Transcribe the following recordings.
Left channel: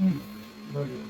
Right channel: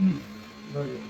बढ़िया।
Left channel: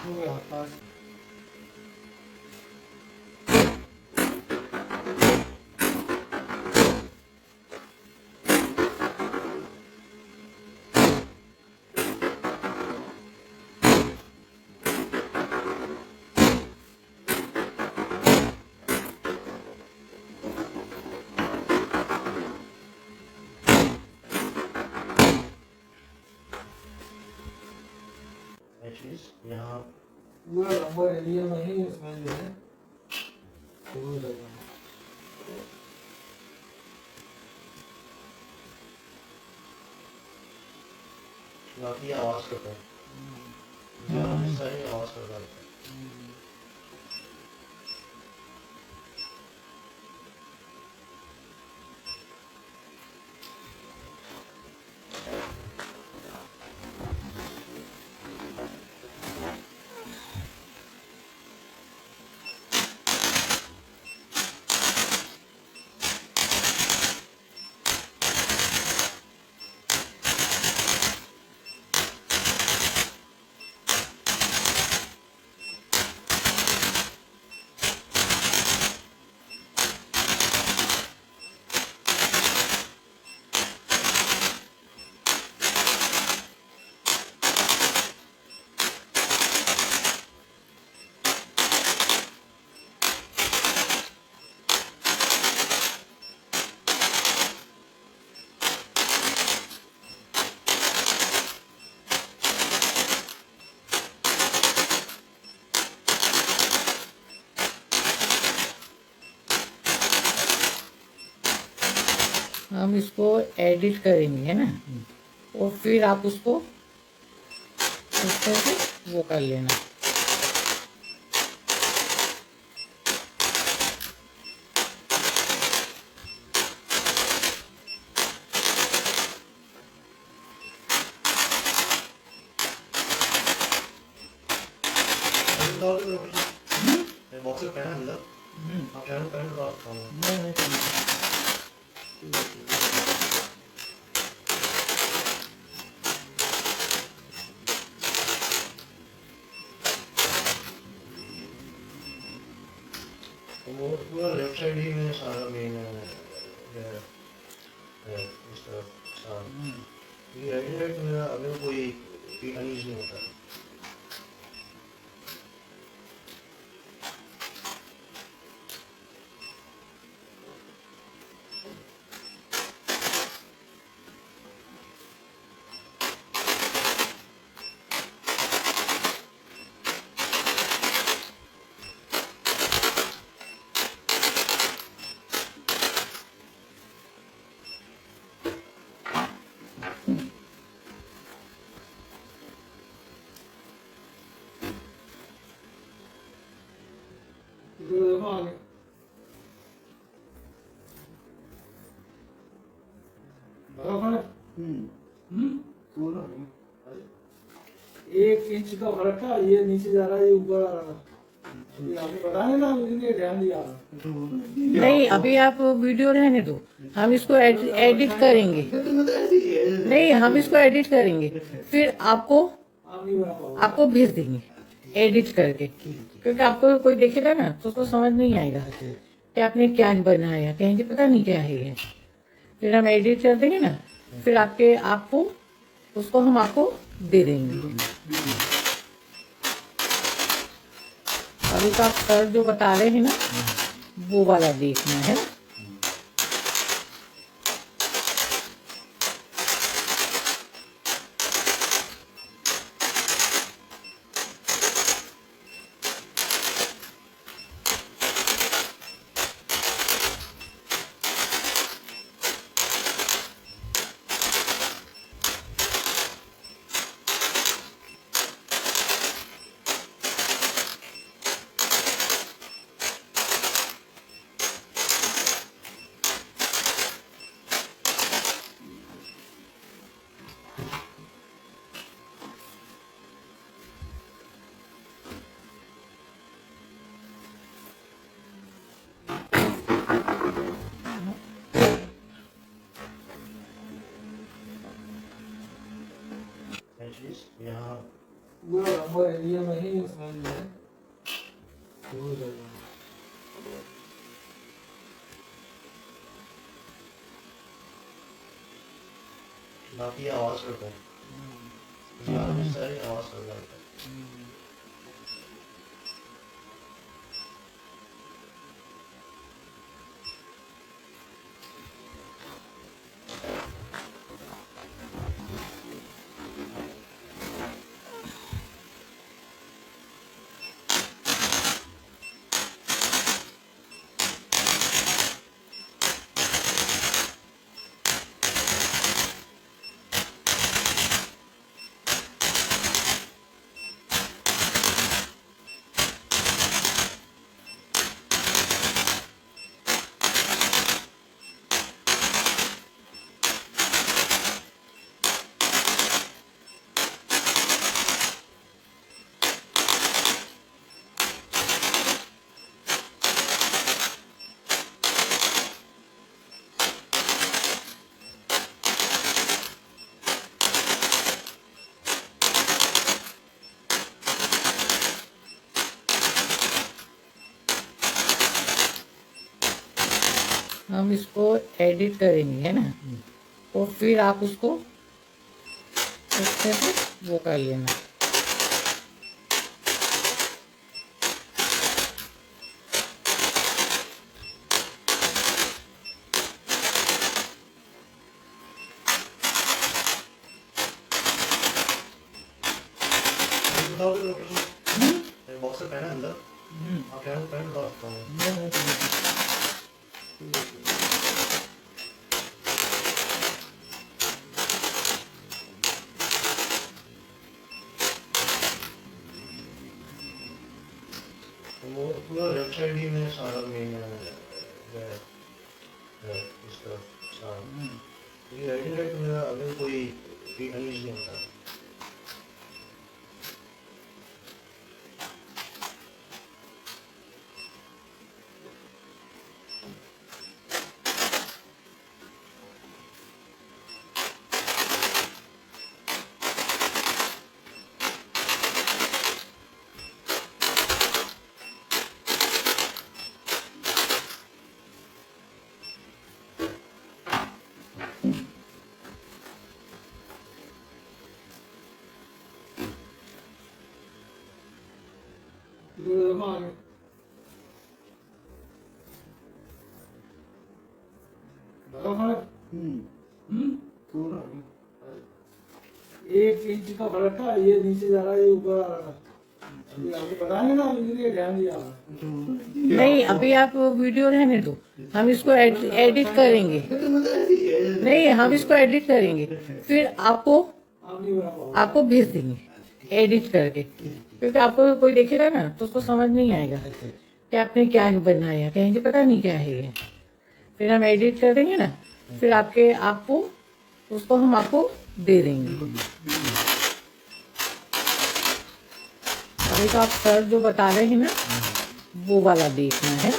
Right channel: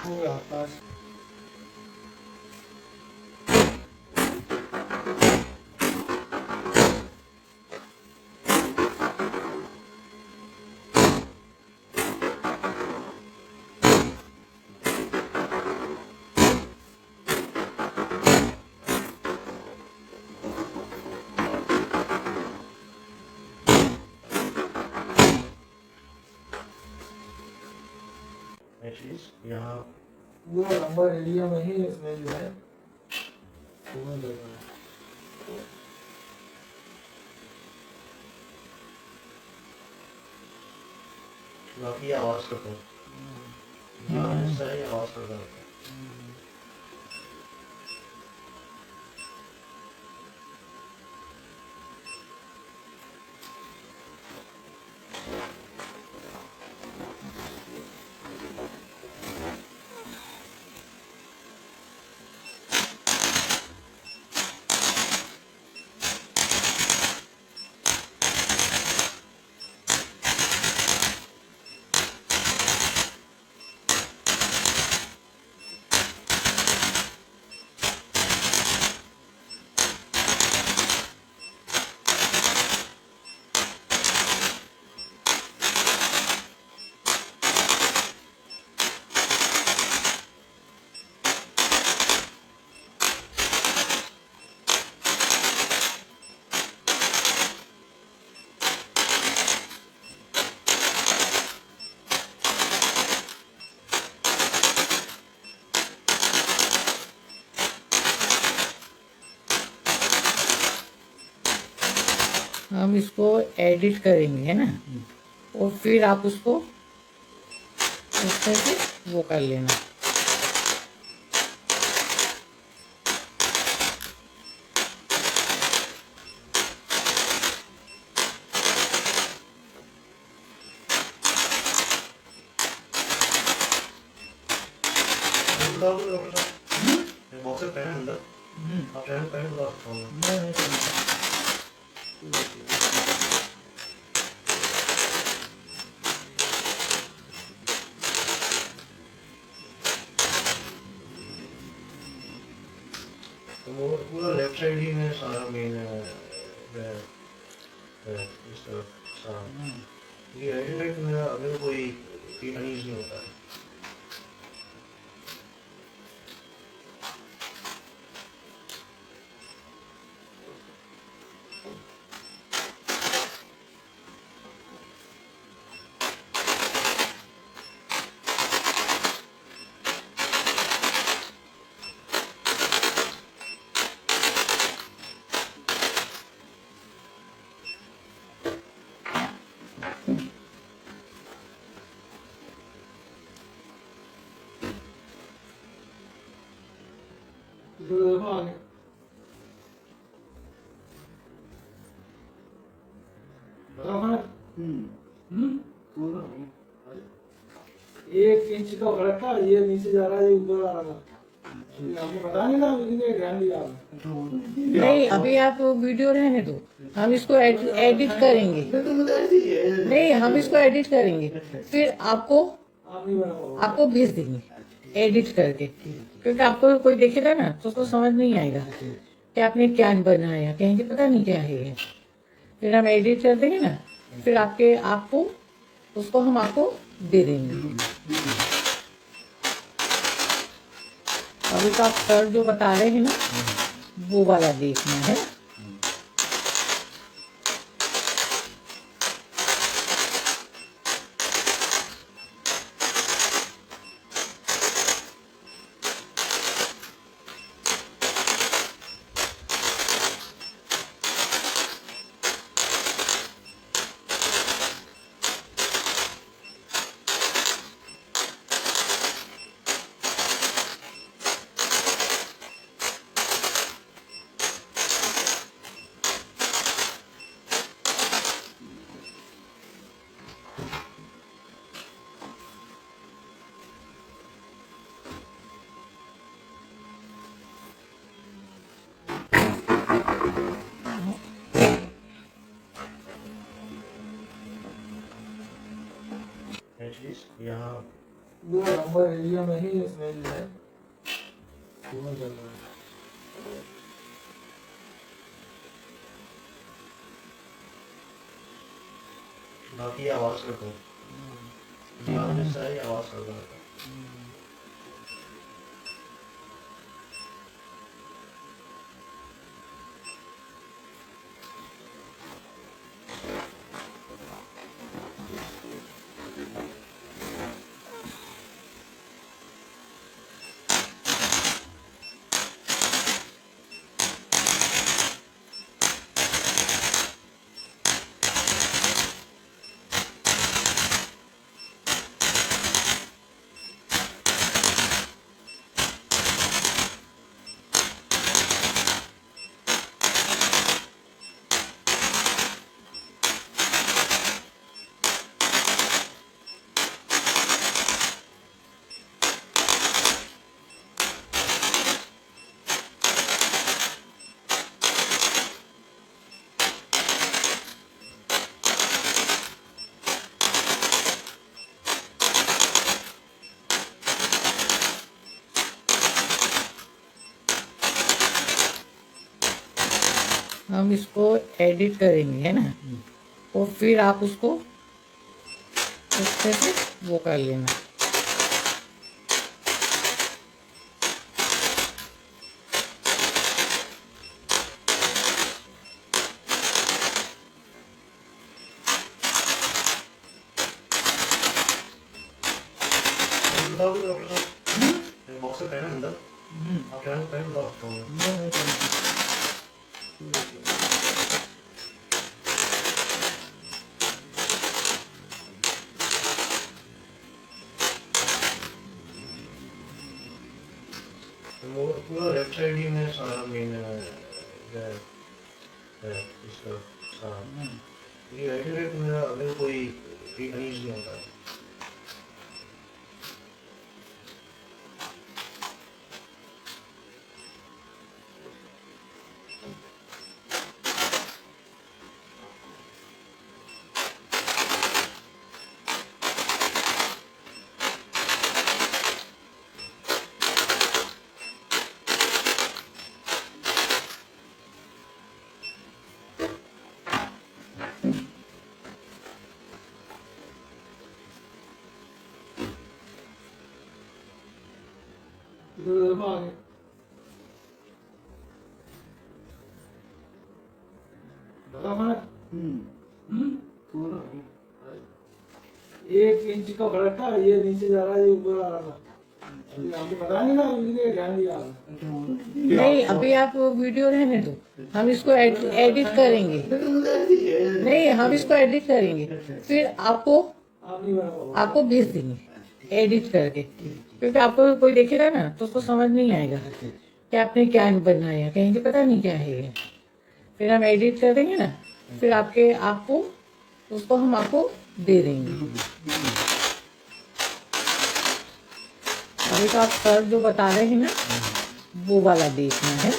हो गया पास। यहाँ पूरा लंबा एरिया में ही इसमें जो है फूल लगा है। काफी आवाज करते हैं, इस तरह आवाज करते हैं। हम इसको एडिट करेंगे, है ना। और फिर आप उसको इस तरह से वो कर लेना। बॉक्स में पहना अंदर, आप पहन तो आप वो पूरा लेफ्ट साइड ही में सारा मेन है इस तरफ। ये राइट में अगर कोई अनईज नहीं होता। एक इंच का फर्क था, ये नीचे जा रहा है, ये ऊपर आ रहा था। आपको पता नहीं था, लेकिन ये ध्यान दिया आपने। नहीं, अभी आप वीडियो रहने दो, हम इसको एडिट करेंगे। नहीं, हम इसको एडिट करेंगे, फिर आपको आप नहीं बना पाओगे। आपको भेज देंगे एडिट करके, क्योंकि आपको कोई देखेगा ना तो उसको समझ नहीं आएगा कि आपने क्या बनाया, कहेंगे पता नहीं क्या है ये। फिर हम एडिट कर देंगे ना, फिर आपको उसको हम आपको दे देंगे। अभी तो आप सर जो बता रहे हैं ना, वो वाला देखना है। इमेजेस यहाँ 2 नंबर एरिया में ही इसमें जो है वो चल रहा है। बाकी आवाज करता हूँ यहाँ पे सारी आवाज कर रहा था। हम इसको एडिट करेंगे है ना, तो फिर आप उसको अच्छे से वो कर लेना। बॉक्स से पहना अंदर आप पहन दो पूरा लेफ्ट साइड ही में सारा मेन इसका ये राइट में अगर कोई अनईज नहीं होता है। देखो आगे बड़ा फर्क 1 इंच का फर्क था। ये नीचे जा रहा है, ये ऊपर आ रहा था। ये आपको बताएंगे ना, इसलिए ध्यान दिया। नहीं, अभी आप वीडियो रहने दो, हम इसको एडिट करेंगे। नहीं, हम इसको एडिट करेंगे, फिर आपको भेज देंगे एडिट करके, क्योंकि आपको कोई देखेगा ना तो उसको समझ नहीं आएगा कि आपने क्या बनाया, कहेंगे पता नहीं क्या है ये। फिर हम एडिट कर देंगे ना, फिर आपको उसको हम आपको दे देंगे। अभी तो आप सर जो बता रहे हैं ना, वो वाला देखना है।